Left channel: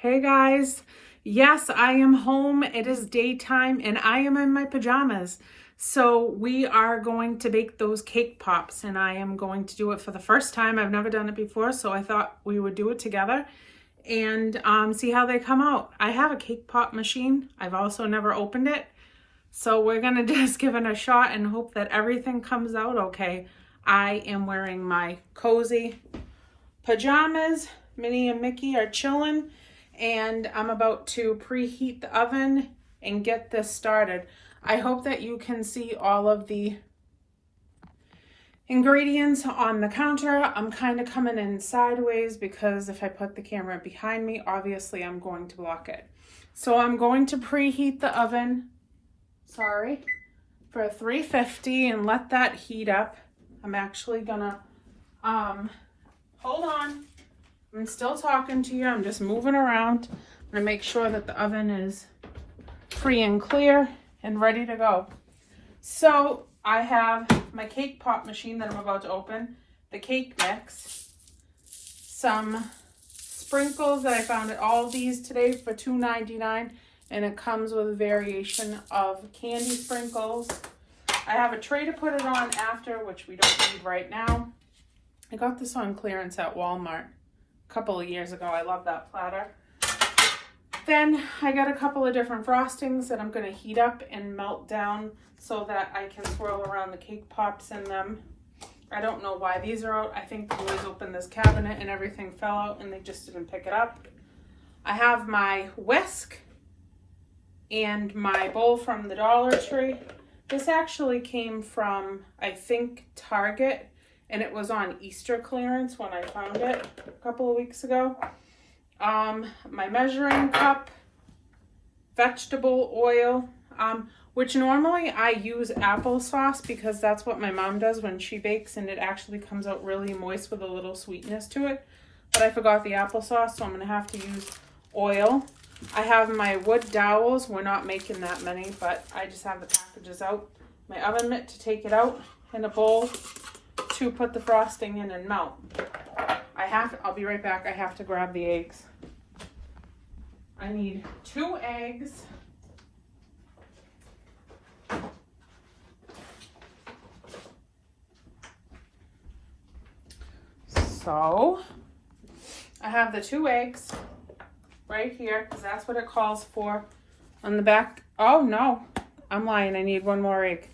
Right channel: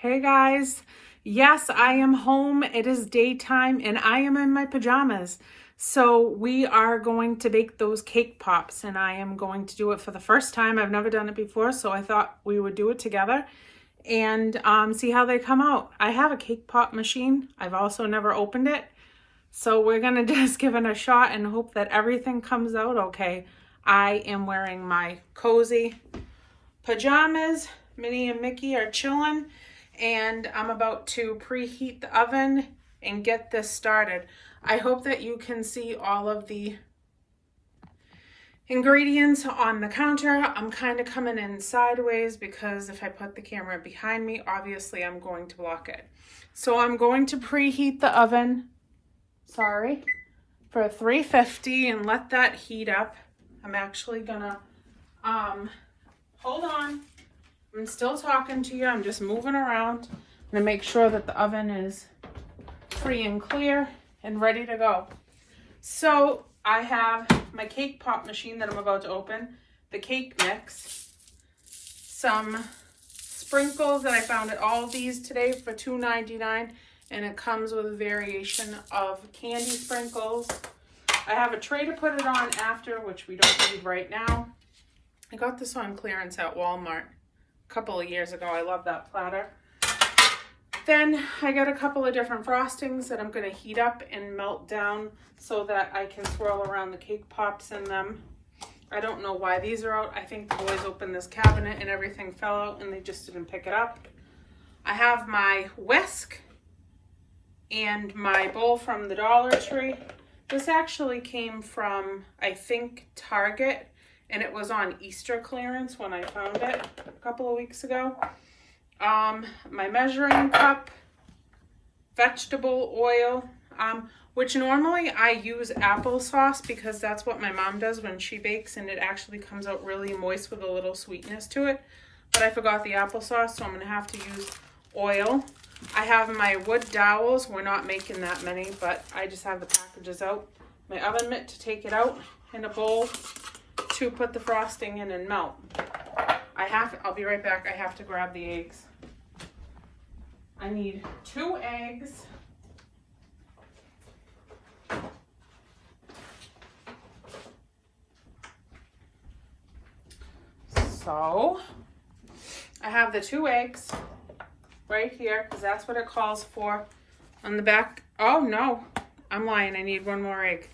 Hey guys, yes, I am home. It is daytime and I am in my pajamas. So we are going to bake those cake pops and I am going to do it for the first time. I've never done it before, so I thought we would do it together and see how they come out. I have a cake pop machine. I've also never opened it. So we're gonna just give it a shot and hope that everything comes out okay. I am wearing my cozy pajamas. Minnie and Mickey are chilling. And I'm about to preheat the oven and get this started. I hope that you can see all of the ingredients on the counter. I'm kind of coming in sideways because if I put the camera behind me, obviously I'm going to block it. So I'm going to preheat the oven, for 350 and let that heat up. I'm actually gonna, hold on. I'm still talking to you. I'm just moving around. I'm gonna make sure that the oven is free and clear and ready to go. So I have my cake pop machine that I'm about to open, the cake mix, some sprinkles that I found at Aldi's today for $2.99, and it comes with a variation of candy sprinkles. I have a tray to put it on after, which we don't need right now. I got this on clearance at Walmart a couple of years ago. I love that platter. Then I got a couple of different frostings that I'm going to heat up and melt down so that I can swirl around the cake pops in them. I don't know why these are out. I think the boys opened this cabinet and everything fell out and they just didn't pick it up. I have my whisk and my bowl from the Dollar Tree. This actually came from, I think, Target. And it was on Easter clearance when I found it a couple of weeks ago. My measuring cup, vegetable oil, which normally I use applesauce because that's what my mom does when she bakes and it actually comes out really moist with a little sweetness to it. But I forgot the applesauce, so I'm gonna have to use oil. I have my wood dowels. We're not making that many, but I just have the packages out. My oven mitt to take it out in a bowl to put the frosting in and melt. I'll be right back. I have to grab the eggs. I need 2 eggs. So I have the 2 eggs right here because that's what it calls for on the back. Oh no, I'm lying. I need 1 more egg.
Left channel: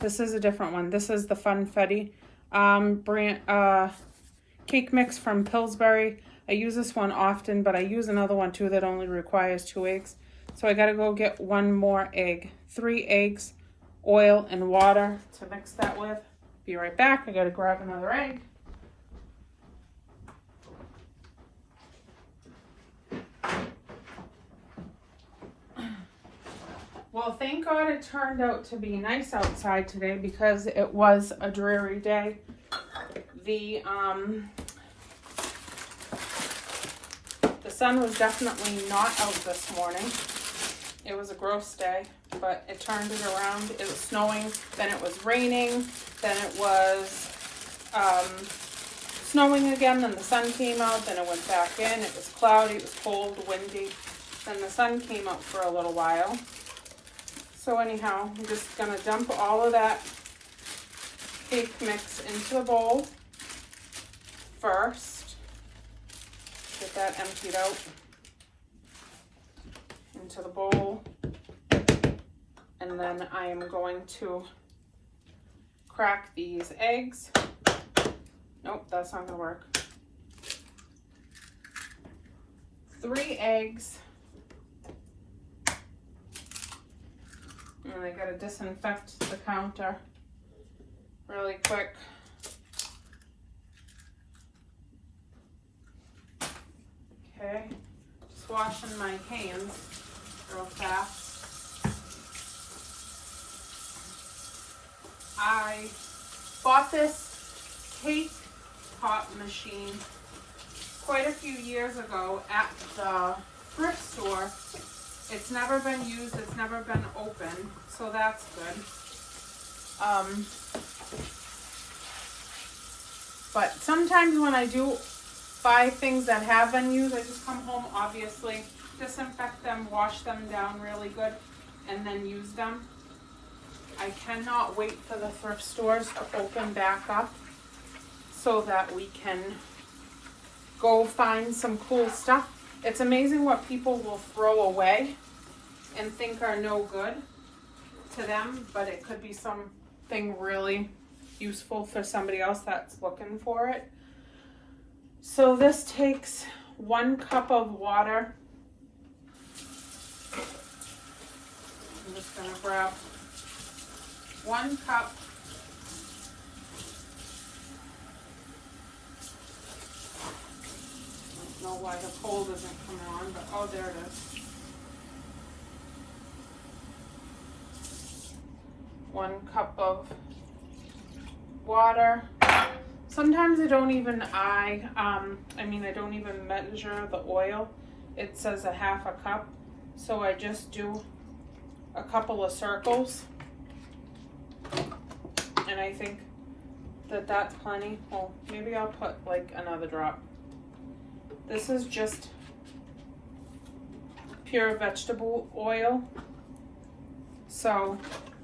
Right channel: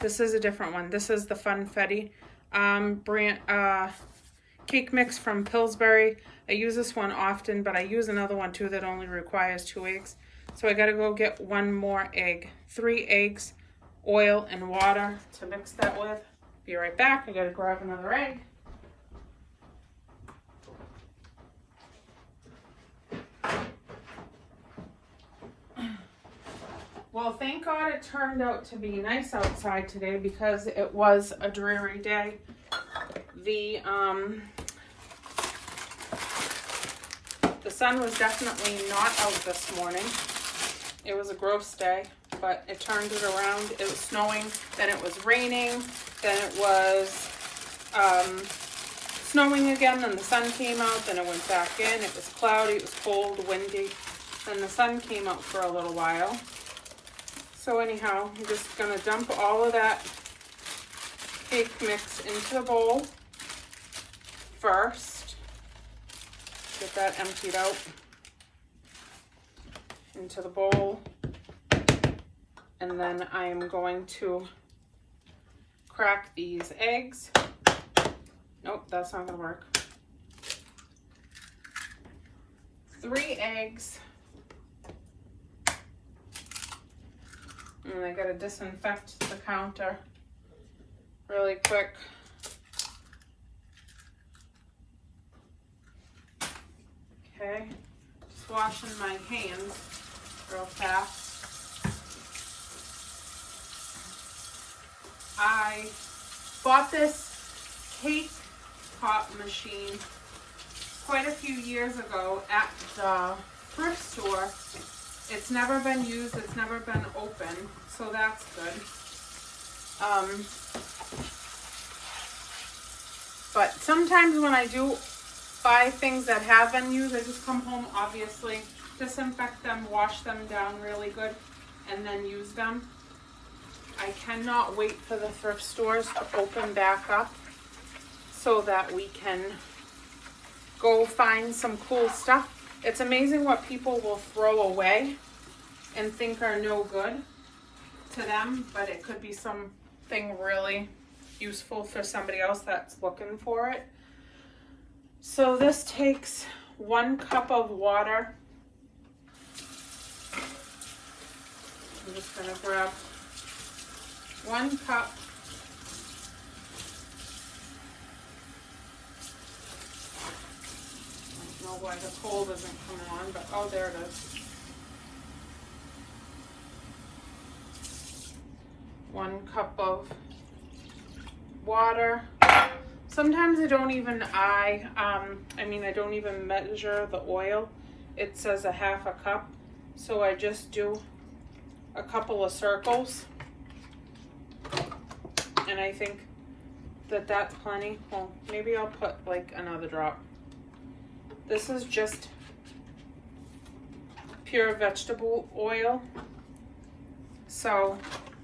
This is a different one. This is the Funfetti cake mix from Pillsbury. I use this one often, but I use another one too that only requires 2 eggs. So I gotta go get 1 more egg. 3 eggs, oil, and water to mix that with. Be right back. I gotta grab another egg. Well, thank God it turned out to be nice outside today because it was a dreary day. The sun was definitely not out this morning. It was a gross day, but it turned it around. It was snowing, then it was raining, then it was snowing again, then the sun came out, then it went back in. It was cloudy, it was cold, windy. Then the sun came out for a little while. So anyhow, I'm just gonna dump all of that cake mix into the bowl first. Get that emptied out into the bowl. And then I am going to crack these eggs. Nope, that's not gonna work. 3 eggs. And I gotta disinfect the counter really quick. Okay, just washing my hands real fast. I bought this cake pop machine quite a few years ago at the thrift store. It's never been used, it's never been opened, so that's good. But sometimes when I do buy things that have been used. I just come home, obviously, disinfect them, wash them down really good, and then use them. I cannot wait for the thrift stores to open back up so that we can go find some cool stuff. It's amazing what people will throw away and think are no good to them, but it could be something really useful for somebody else that's looking for it. So this takes 1 cup of water. I'm just gonna grab 1 cup. I don't know why the cold isn't coming on, but oh, there it is. 1 cup of water. Sometimes I don't even, I don't even measure the oil. It says a 1/2 cup. So I just do a couple of circles. And I think that that's plenty. Well, maybe I'll put like another drop. This is just pure vegetable oil. So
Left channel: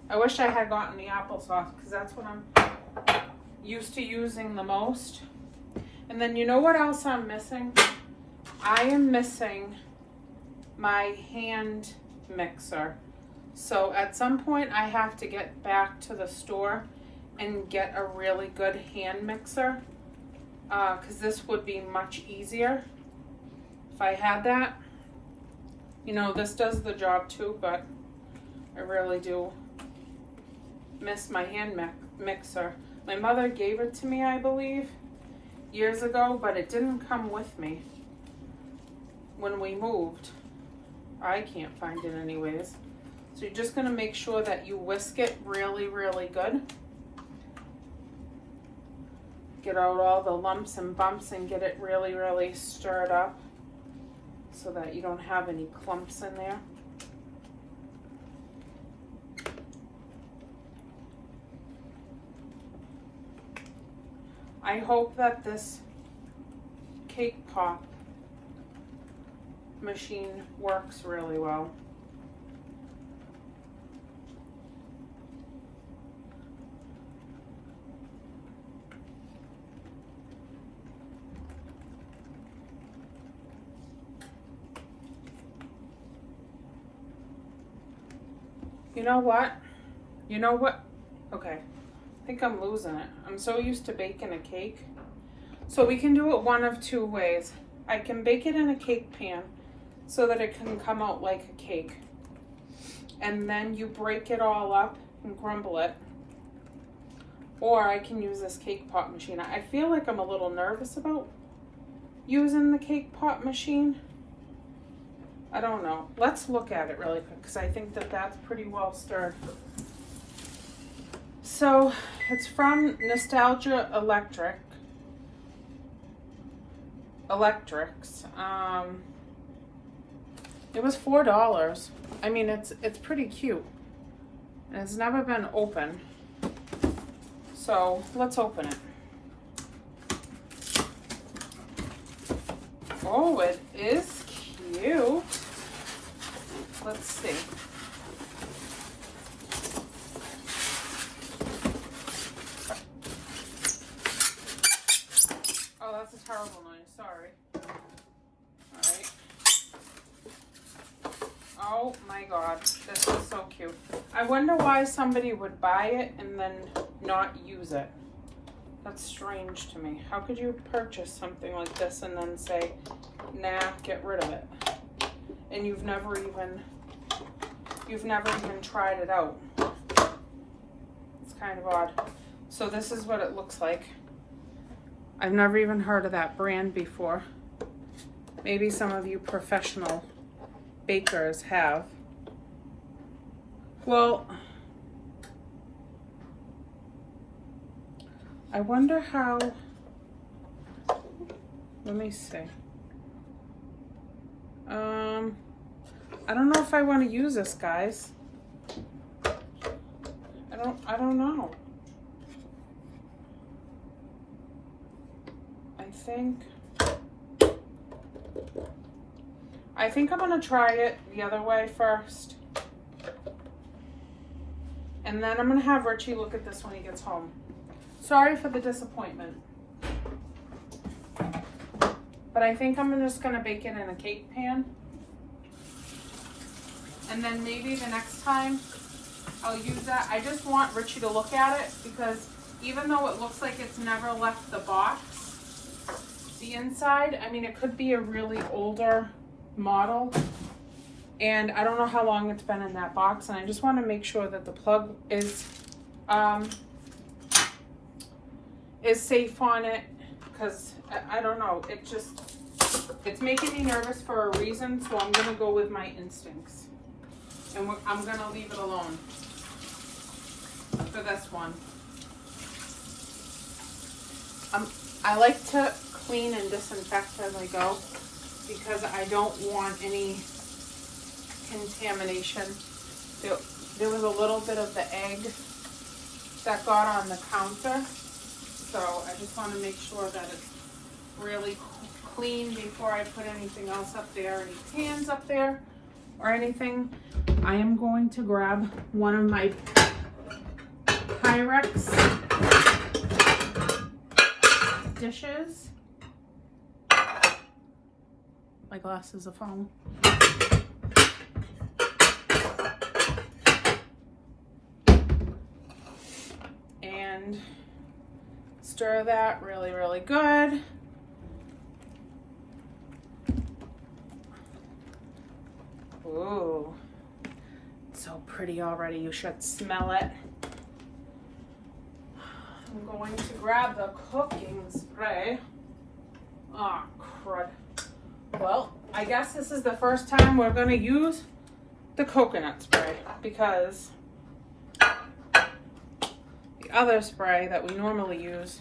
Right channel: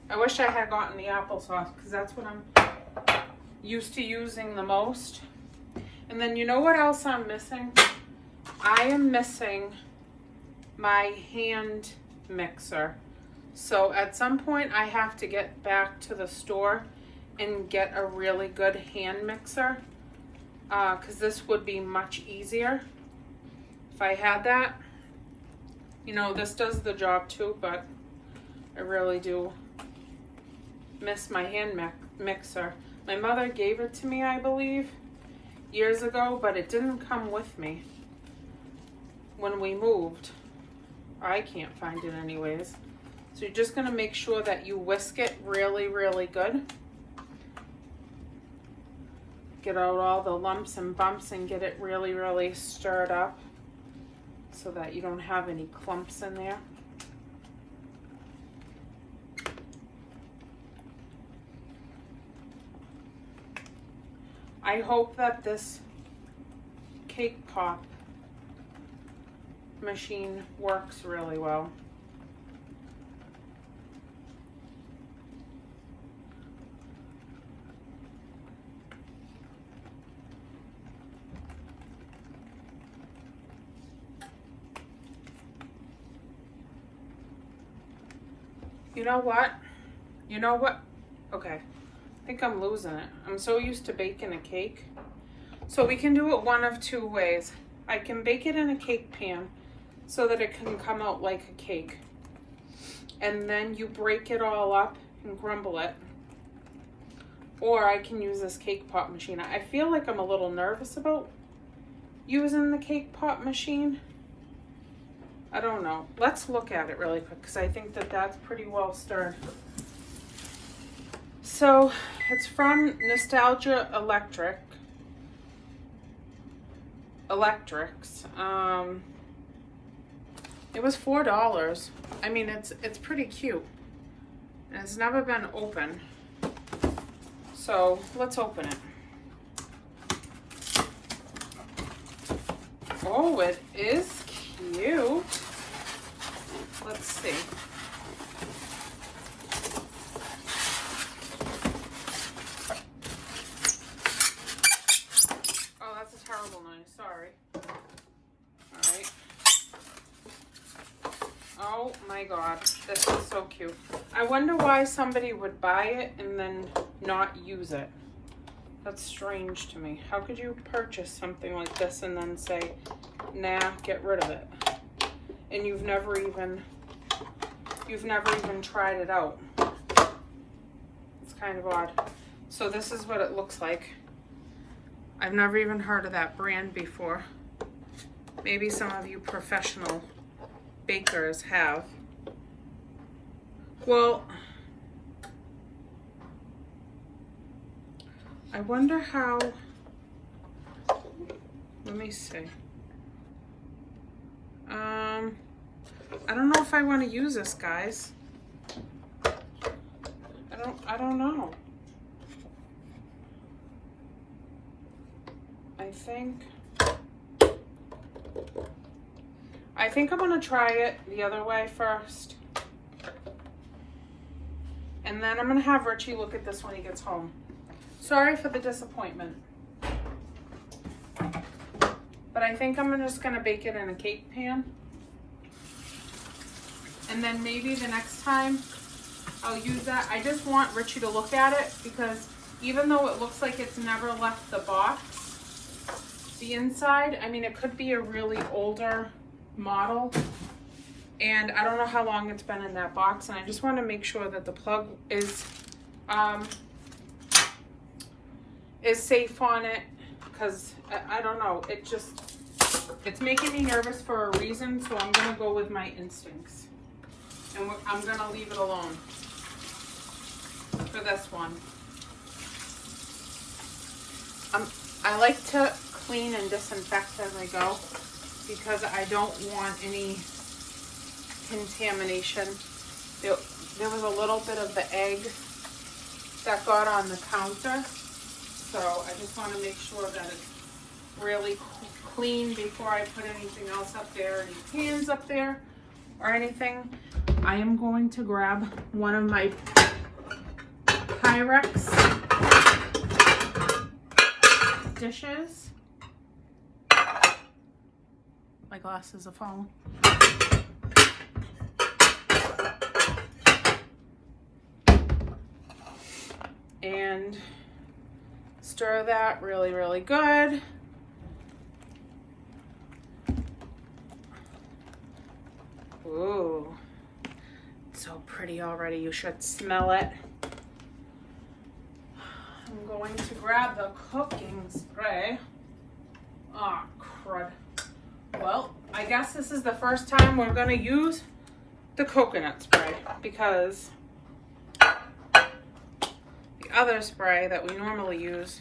I wish I had gotten the applesauce because that's what I'm used to using the most. And then you know what else I'm missing? I am missing my hand mixer. So at some point I have to get back to the store and get a really good hand mixer, because this would be much easier if I had that. You know, this does the job too, but I really do miss my hand mixer. My mother gave it to me, I believe, years ago, but it didn't come with me when we moved. I can't find it anyways. So you're just gonna make sure that you whisk it really, really good. Get out all the lumps and bumps and get it really, really stirred up so that you don't have any clumps in there. I hope that this cake pop machine works really well. You know what? You know what? Okay. I think I'm losing it. I'm so used to baking a cake. So we can do it one of 2 ways. I can bake it in a cake pan so that it can come out like a cake. And then you break it all up and crumble it. Or I can use this cake pop machine. I feel like I'm a little nervous about using the cake pop machine. I don't know. Let's look at it really quick because I think that that's pretty well stirred. So it's from Nostalgia Electrics. It was $4. I mean, it's pretty cute. And it's never been opened. So let's open it. Oh, it is cute. Let's see. Oh, that's a terrible noise. Sorry. All right. Oh my God, this is so cute. I wonder why somebody would buy it and then not use it. That's strange to me. How could you purchase something like this and then say, nah, get rid of it? And you've never even tried it out. It's kind of odd. So this is what it looks like. I've never even heard of that brand before. Maybe some of you professional bakers have. Well, I wonder how, let me see. I don't know if I want to use this, guys. I don't know. I think I think I'm gonna try it the other way first. And then I'm gonna have Richie look at this when he gets home. Sorry for the disappointment. But I think I'm just gonna bake it in a cake pan. And then maybe the next time I'll use that. I just want Richie to look at it because even though it looks like it's never left the box, the inside, I mean, it could be a really older model. And I don't know how long it's been in that box. And I just want to make sure that the plug is safe on it. Because I don't know, it's making me nervous for a reason. So I'm going to go with my instincts. And I'm going to leave it alone for this one. I like to clean and disinfect as I go because I don't want any contamination. There was a little bit of the egg that got on the counter. So I just want to make sure that it's really clean before I put anything else up there, any pans up there or anything. I am going to grab one of my Pyrex dishes. My glasses are falling. And stir that really, really good. Ooh, it's so pretty already. You should smell it. I'm going to grab the cooking spray. Oh, crud. Well, I guess this is the first time we're going to use the coconut spray because the other spray that we normally use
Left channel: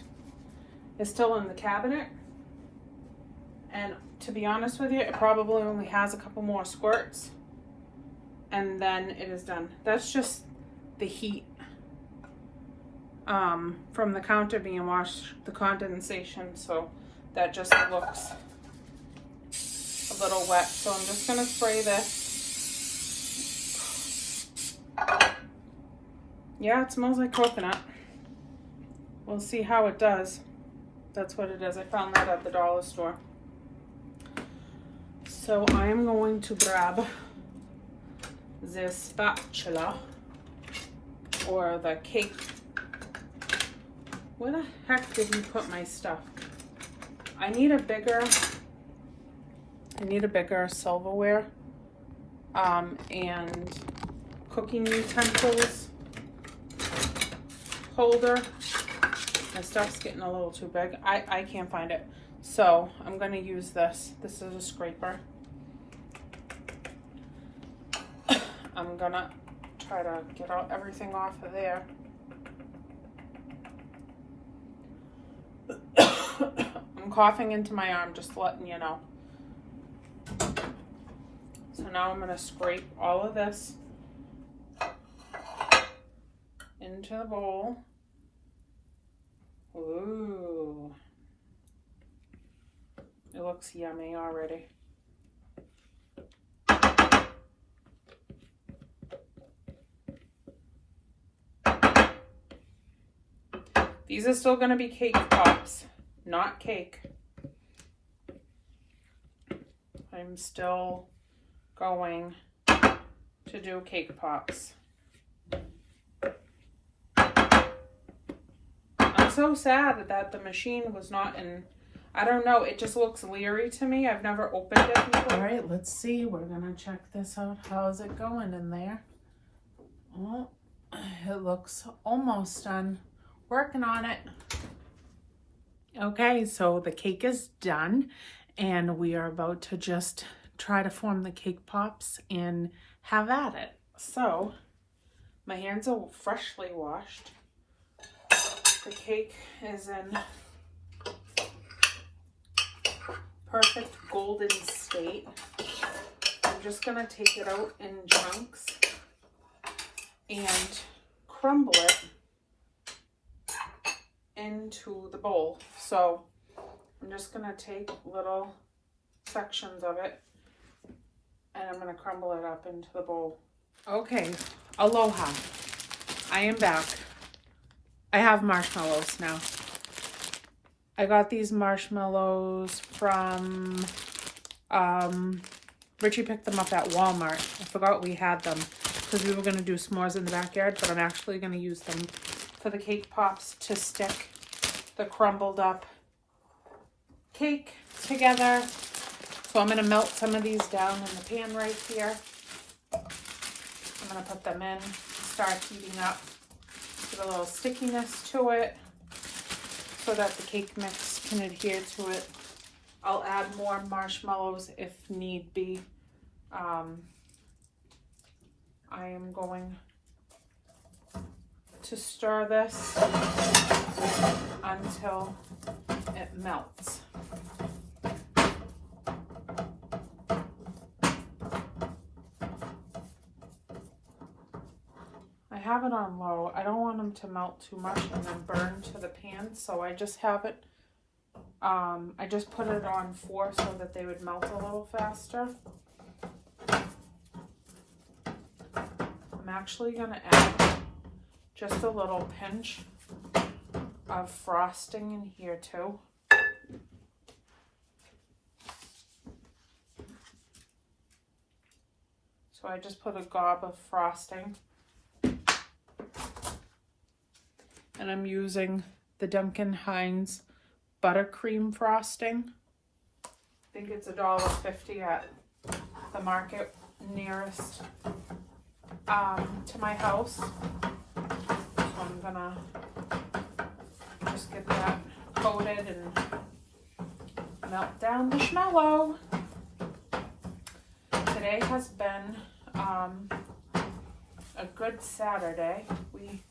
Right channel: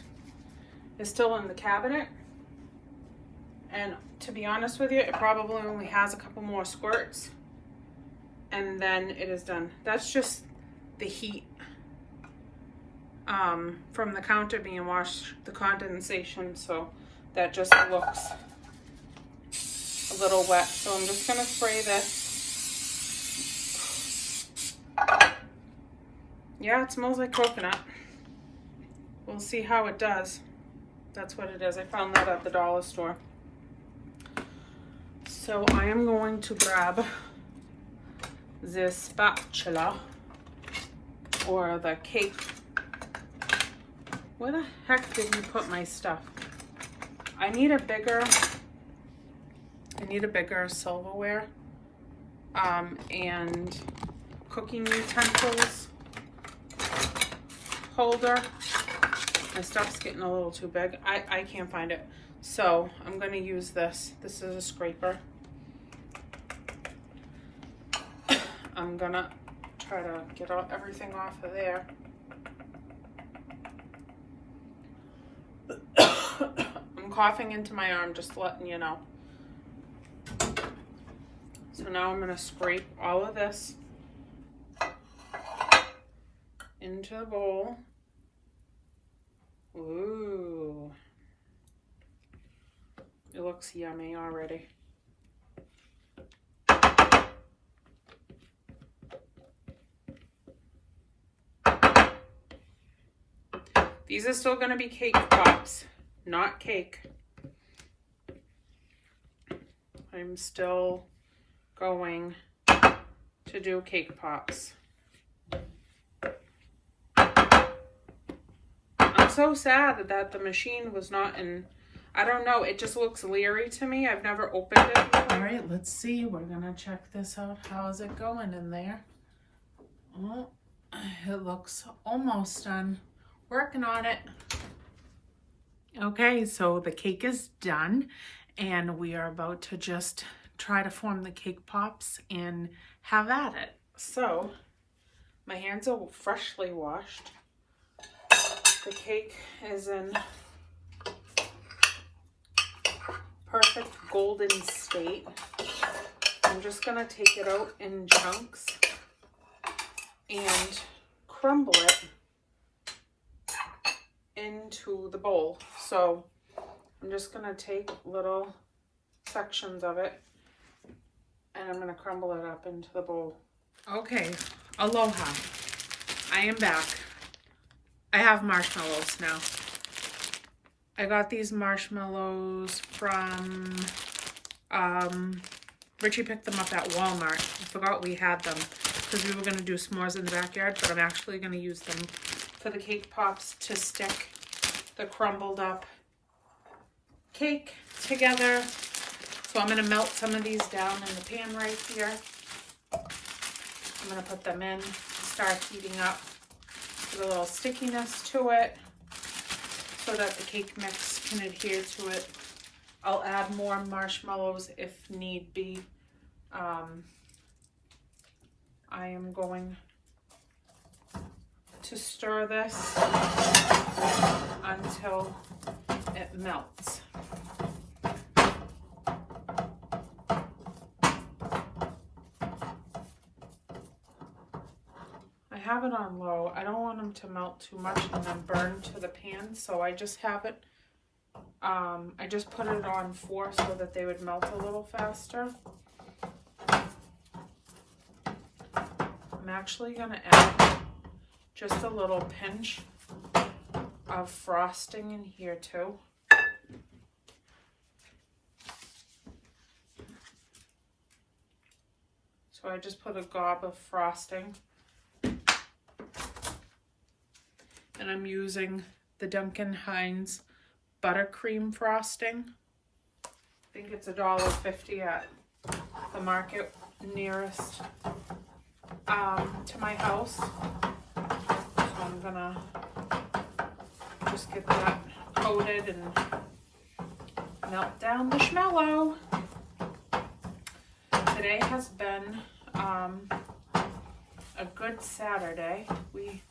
is still in the cabinet. And to be honest with you, it probably only has a couple more squirts and then it is done. That's just the heat from the counter being washed, the condensation, so that just looks a little wet. So I'm just gonna spray this. Yeah, it smells like coconut. We'll see how it does. That's what it is. I found that at the dollar store. So I am going to grab this spatula or the cake. Where the heck did you put my stuff? I need a bigger silverware and cooking utensils holder. My stuff's getting a little too big. I can't find it. So I'm going to use this. This is a scraper. I'm going to try to get everything off of there. I'm coughing into my arm, just letting you know. So now I'm going to scrape all of this into the bowl. Ooh. It looks yummy already. These are still going to be cake pops, not cake. I'm still going to do cake pops. I'm so sad that the machine was not in, I don't know, it just looks leery to me. I've never opened it before. All right, let's see. We're going to check this out. How's it going in there? Well, it looks almost done. Working on it. Okay, so the cake is done and we are about to just try to form the cake pops and have at it. So my hands are freshly washed. The cake is in perfect golden state. I'm just gonna take it out in chunks and crumble it into the bowl. So I'm just gonna take little sections of it I'm gonna crumble it up into the bowl. Okay, aloha. I am back. I have marshmallows now. I got these marshmallows from, Richie picked them up at Walmart. I forgot we had them because we were gonna do s'mores in the backyard, but I'm actually gonna use them for the cake pops to stick the crumbled up cake together. So I'm gonna melt some of these down in the pan right here. I'm gonna put them in, start heating up, get a little stickiness to it so that the cake mix can adhere to it. I'll add more marshmallows if need be. I am going to stir this until it melts. I have it on low. I don't want them to melt too much and then burn to the pan, so I just have it, I just put it on 4 so that they would melt a little faster. I'm actually gonna add just a little pinch of frosting in here too. So I just put a gob of frosting. And I'm using the Duncan Hines buttercream frosting. I think it's $1.50 at the market nearest to my house. So I'm gonna just get that coated and melt down the marshmallow. Today has been a good Saturday. We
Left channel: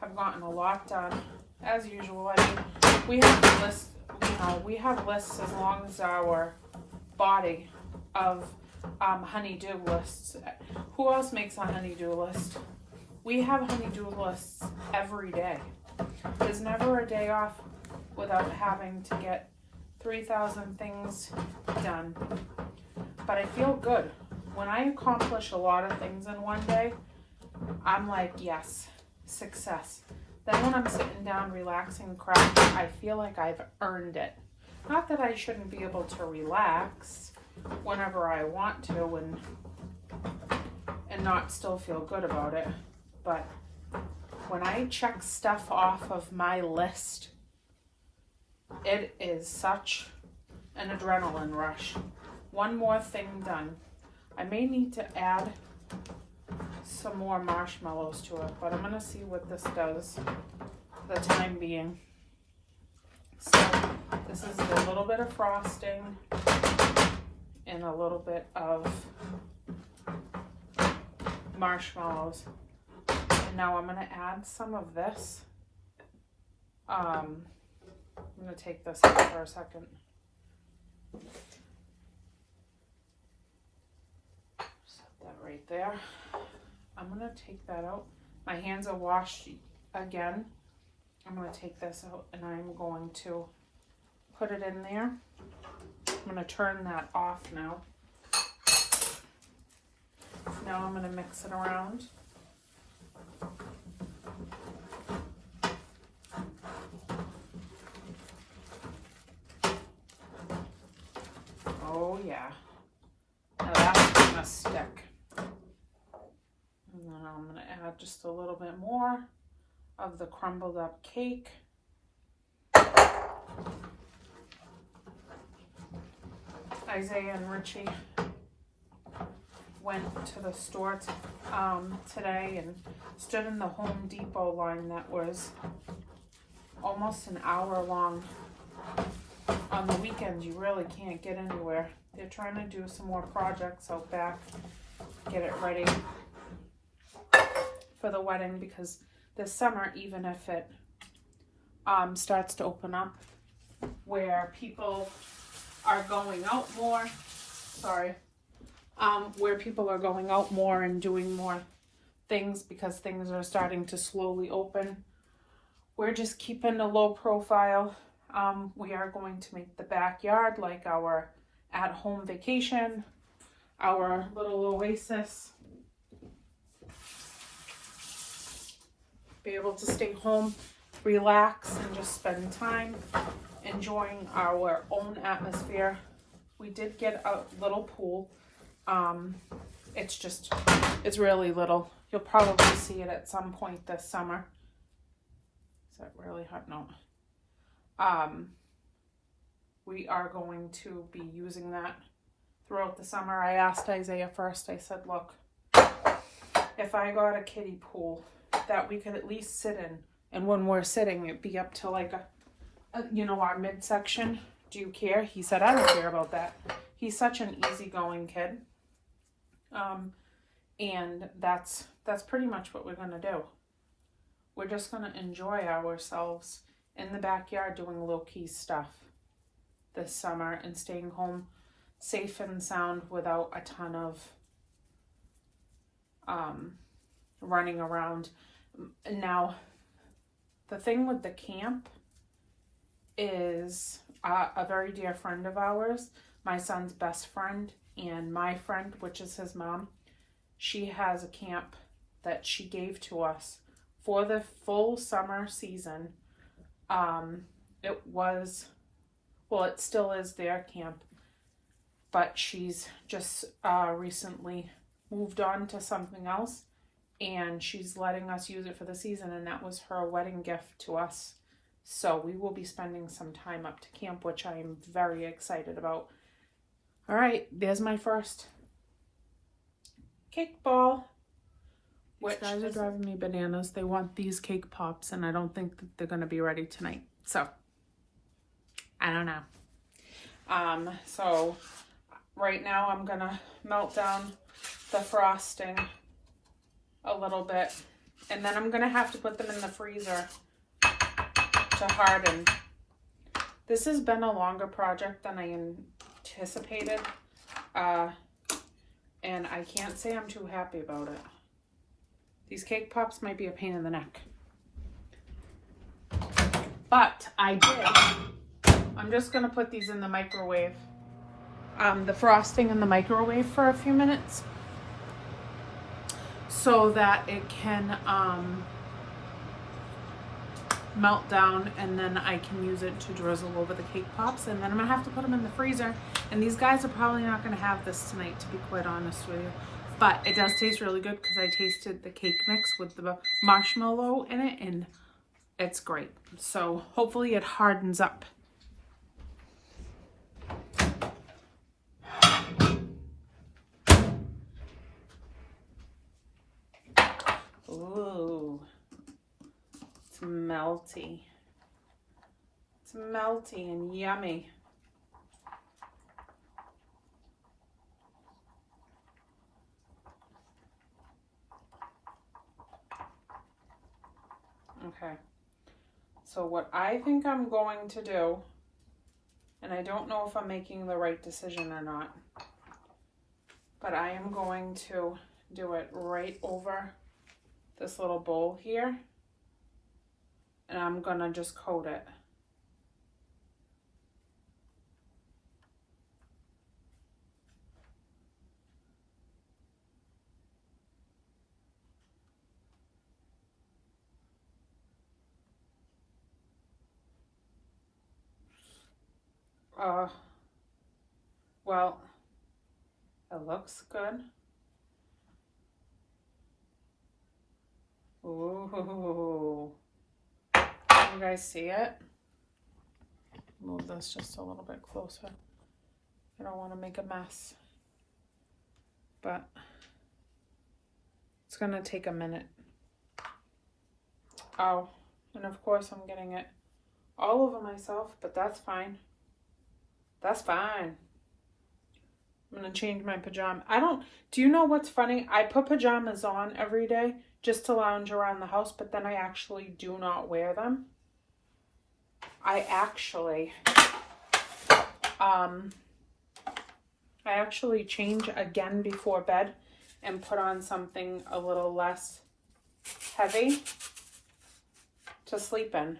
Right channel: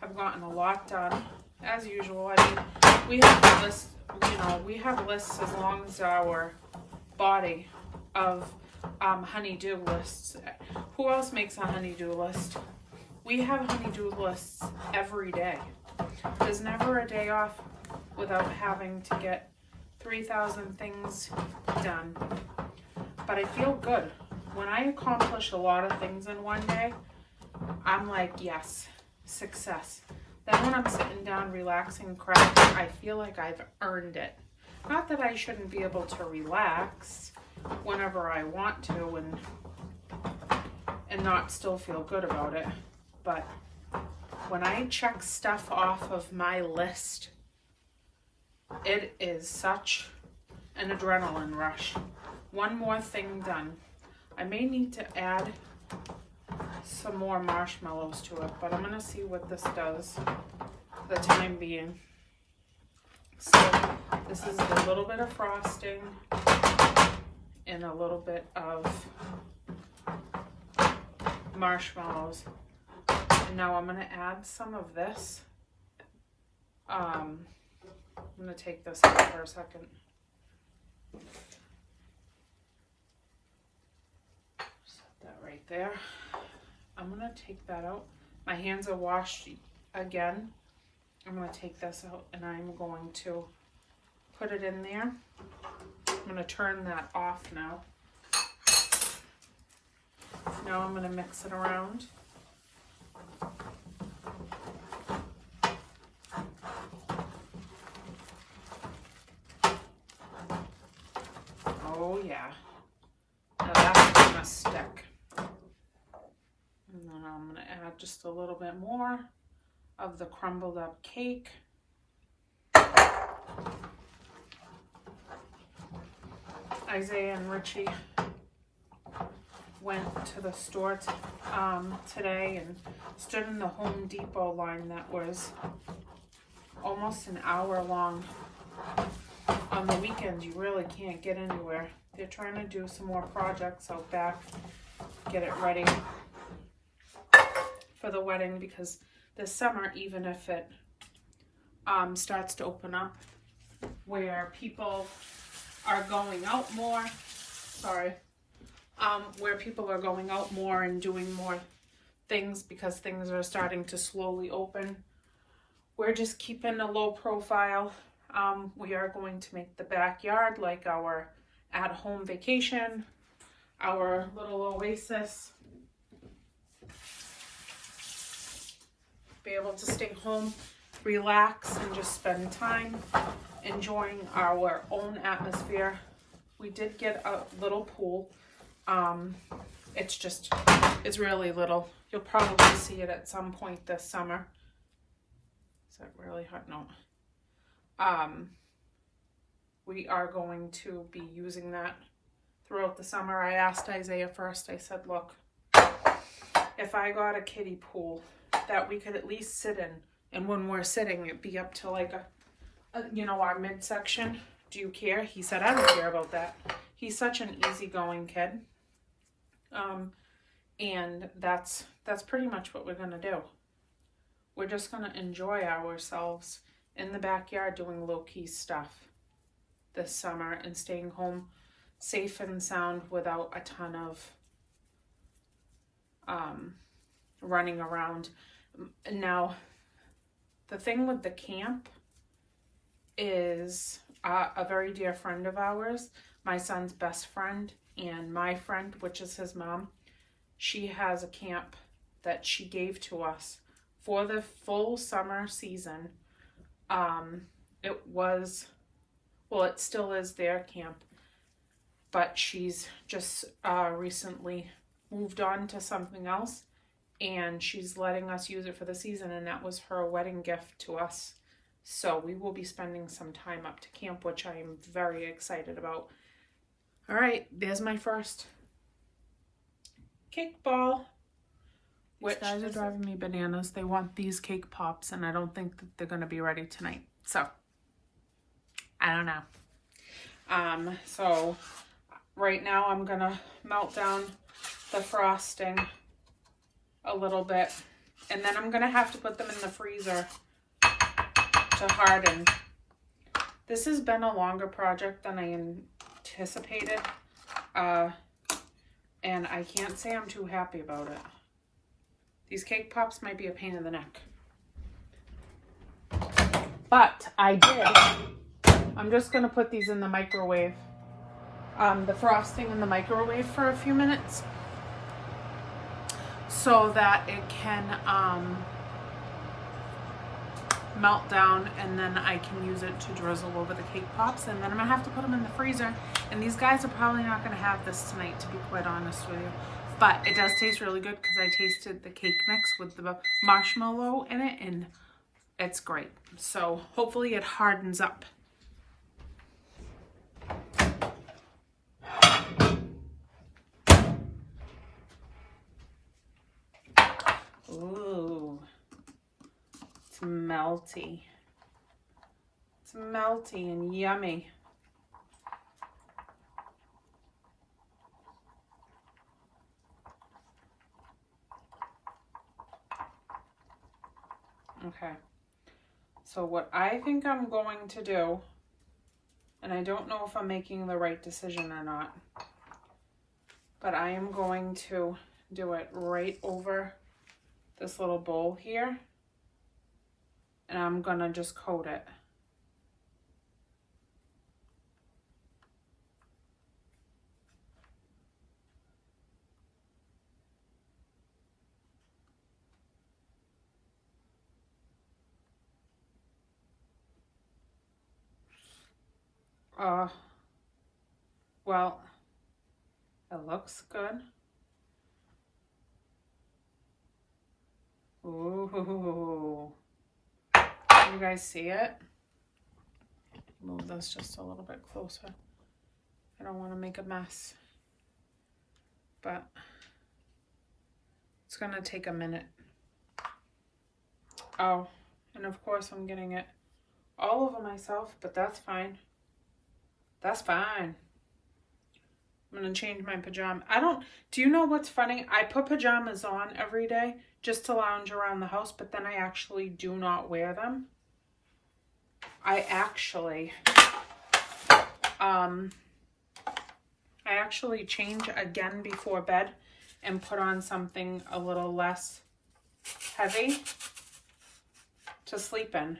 have gotten a lot done as usual. I mean, we have lists, we have lists as long as our body of honey-do lists. Who else makes a honey-do list? We have honey-do lists every day. There's never a day off without having to get 3,000 things done. But I feel good. When I accomplish a lot of things in one day, I'm like, yes, success. Then when I'm sitting down relaxing crap, I feel like I've earned it. Not that I shouldn't be able to relax whenever I want to and not still feel good about it. But when I check stuff off of my list, it is such an adrenaline rush. One more thing done. I may need to add some more marshmallows to it, but I'm gonna see what this does for the time being. So this is a little bit of frosting and a little bit of marshmallows. And now I'm gonna add some of this. I'm gonna take this out for a second. Set that right there. I'm gonna take that out. My hands are washed again. I'm gonna take this out and I'm going to put it in there. I'm gonna turn that off now. Now I'm gonna mix it around. Oh yeah, now that's gonna stick. And then I'm gonna add just a little bit more of the crumbled up cake. Isaiah and Richie went to the store today and stood in the Home Depot line that was almost an hour long. On the weekends, you really can't get anywhere. They're trying to do some more projects out back, get it ready for the wedding, because this summer, even if it starts to open up where people are going out more, where people are going out more and doing more things because things are starting to slowly open, we're just keeping a low profile. We are going to make the backyard like our at-home vacation. our little oasis. Be able to stay home, relax, and just spend time enjoying our own atmosphere. We did get a little pool. It's really little. You'll probably see it at some point this summer. Is that really hot? No. We are going to be using that throughout the summer. I asked Isaiah first. I said, look, if I got a kiddie pool that we could at least sit in, and when we're sitting, it'd be up to like our midsection. Do you care? He said, I don't care about that. He's such an easygoing kid. And that's pretty much what we're going to do. We're just going to enjoy ourselves in the backyard doing low-key stuff this summer and staying home safe and sound without a ton of running around. Now, the thing with the camp is a very dear friend of ours, my son's best friend, and my friend, which is his mom. She has a camp that she gave to us for the full summer season. It still is their camp, but she's just recently moved on to something else, and she's letting us use it for the season, and that was her wedding gift to us. So we will be spending some time up to camp, which I am very excited about. All right, there's my first cake ball. Which guys are driving me bananas. They want these cake pops, and I don't think that they're going to be ready tonight. So, I don't know. So, right now I'm going to melt down the frosting a little bit. And then I'm going to have to put them in the freezer to harden. This has been a longer project than I anticipated. And I can't say I'm too happy about it. These cake pops might be a pain in the neck. But I did. I'm just going to put these in the microwave. The frosting in the microwave for a few minutes. So that it can melt down, and then I can use it to drizzle over the cake pops, and then I'm gonna have to put them in the freezer. And these guys are probably not gonna have this tonight, to be quite honest with you, but it does taste really good because I tasted the cake mix with the marshmallow in it, and it's great. So hopefully it hardens up. Ooh. It's melty. It's melty and yummy. Okay. So what I think I'm going to do, and I don't know if I'm making the right decision or not, but I am going to do it right over this little bowl here. And I'm gonna just coat it. Well, it looks good. Ooh. You guys see it? Move this just a little bit closer. I don't want to make a mess. But it's going to take a minute. Oh, and of course I'm getting it all over myself, but that's fine. That's fine. I'm going to change my pajama. Do you know what's funny? I put pajamas on every day just to lounge around the house, but then I actually do not wear them. I actually change again before bed and put on something a little less heavy to sleep in.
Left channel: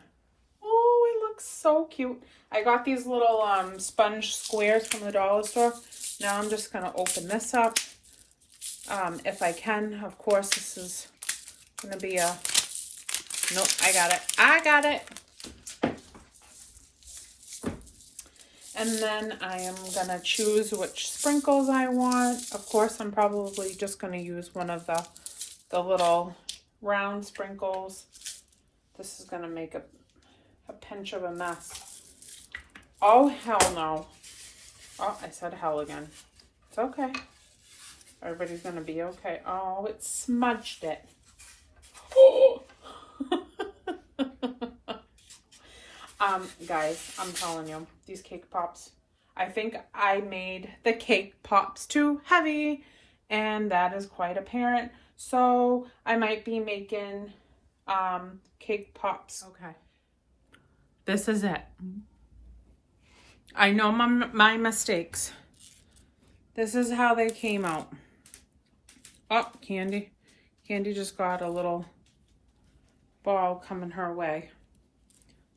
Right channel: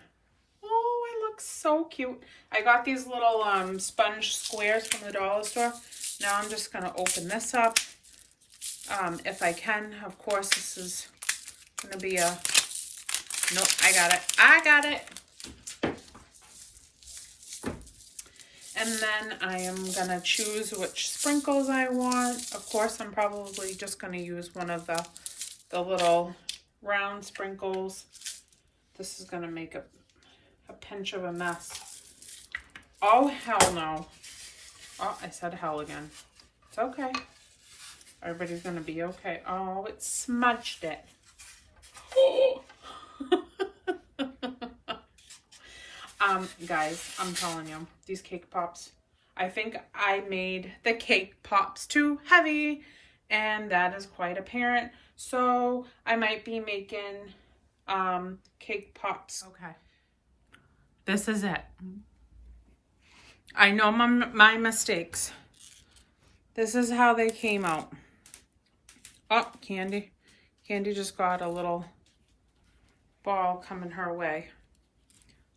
Oh, it looks so cute. I got these little sponge squares from the dollar store. Now I'm just going to open this up. If I can, of course, this is going to be a, nope, I got it. I got it. And then I am going to choose which sprinkles I want. Of course, I'm probably just going to use one of the little round sprinkles. This is going to make a pinch of a mess. Oh, hell no. Oh, I said hell again. It's okay. Everybody's going to be okay. Oh, it smudged it. Guys, I'm telling you, these cake pops, I think I made the cake pops too heavy, and that is quite apparent. So I might be making cake pops. Okay. This is it. I know my mistakes. This is how they came out. Oh, Candy. Candy just got a little ball coming her way.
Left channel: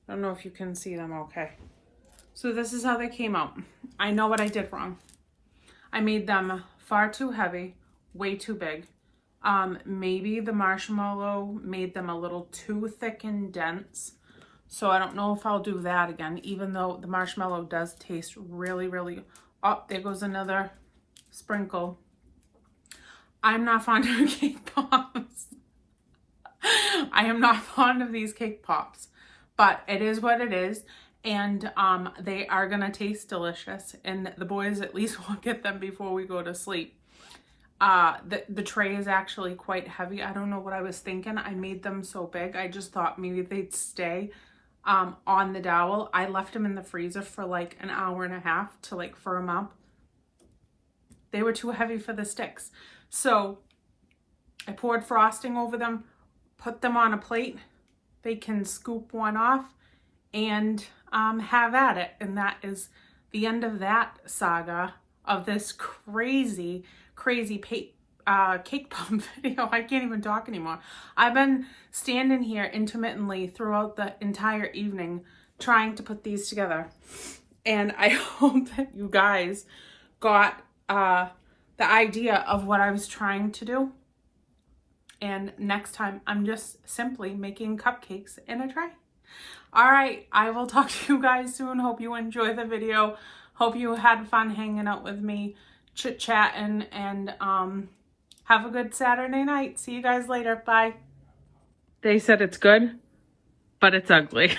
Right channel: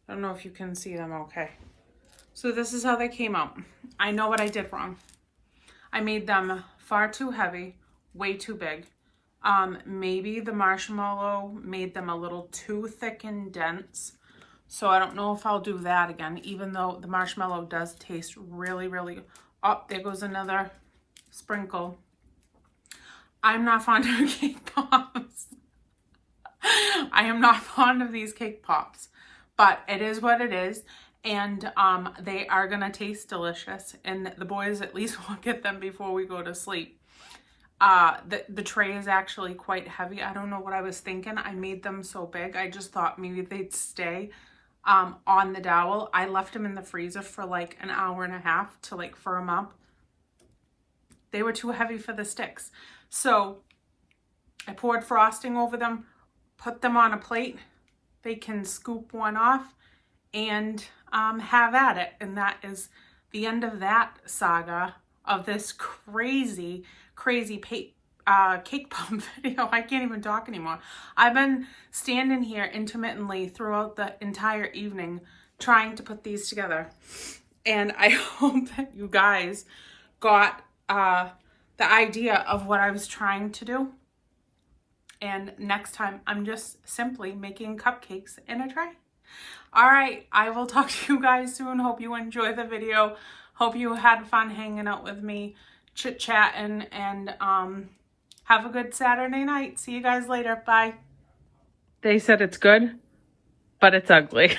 I don't know if you can see them okay. So this is how they came out. I know what I did wrong. I made them far too heavy, way too big. Maybe the marshmallow made them a little too thick and dense. So I don't know if I'll do that again, even though the marshmallow does taste really, really... Oh, there goes another sprinkle. I'm not fond of cake pops. I am not fond of these cake pops. But it is what it is, and they are going to taste delicious, and the boys at least will get them before we go to sleep. The tray is actually quite heavy. I don't know what I was thinking. I made them so big. I just thought maybe they'd stay on the dowel. I left them in the freezer for like an hour and a half to like firm up. They were too heavy for the sticks. So I poured frosting over them, put them on a plate. They can scoop one off and have at it. And that is the end of that saga of this crazy cake pop video. I can't even talk anymore. I've been standing here intermittently throughout the entire evening trying to put these together. And I hope that you guys got the idea of what I was trying to do. And next time, I'm just simply making cupcakes in a tray. All right, I will talk to you guys soon. Hope you enjoy the video. Hope you had fun hanging out with me, chit-chatting, and have a good Saturday night. See you guys later. Bye. They said it's good, but it's ugly.